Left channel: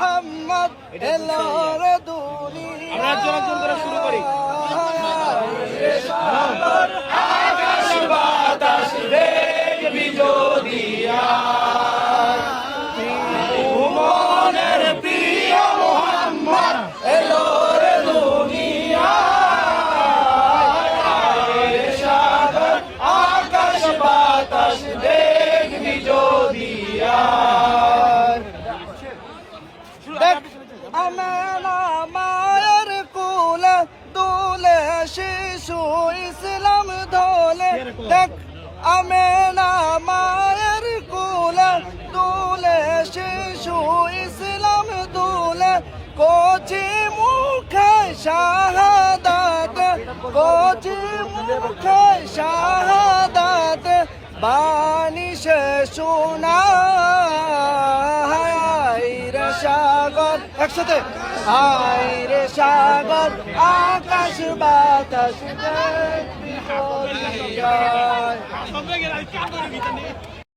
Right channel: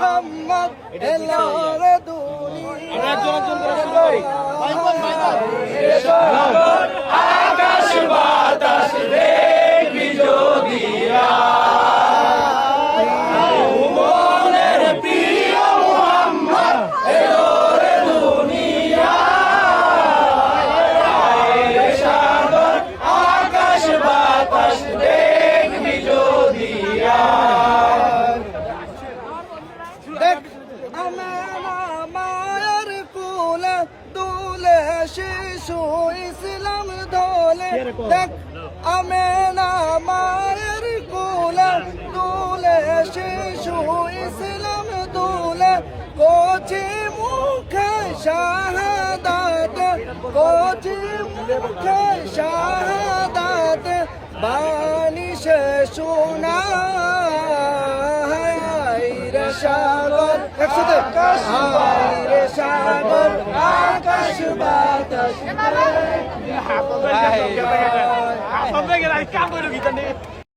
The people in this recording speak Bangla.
মোহাম্মদ এলো রে দুনিয়া আকাশ বাতাস দেখবি যদি মনের প্রিয় মোহাম্মদ এলো রে দুনিয়া সাগর আকাশ বাতাস দেখবি যদি দেখ আমেনা মায়ের কুলে দুলে শিশু ইসলাম ধলে দেখ আমেনা মায়ের কুলে দুলে শিশু ইসলাম দুলে কোচি মুখে শাহাদাত কোচি মুখে শাহাদাত বাণী সে শোনা সাগর একসাথে হায় রে সাগর আকাশ বাতাস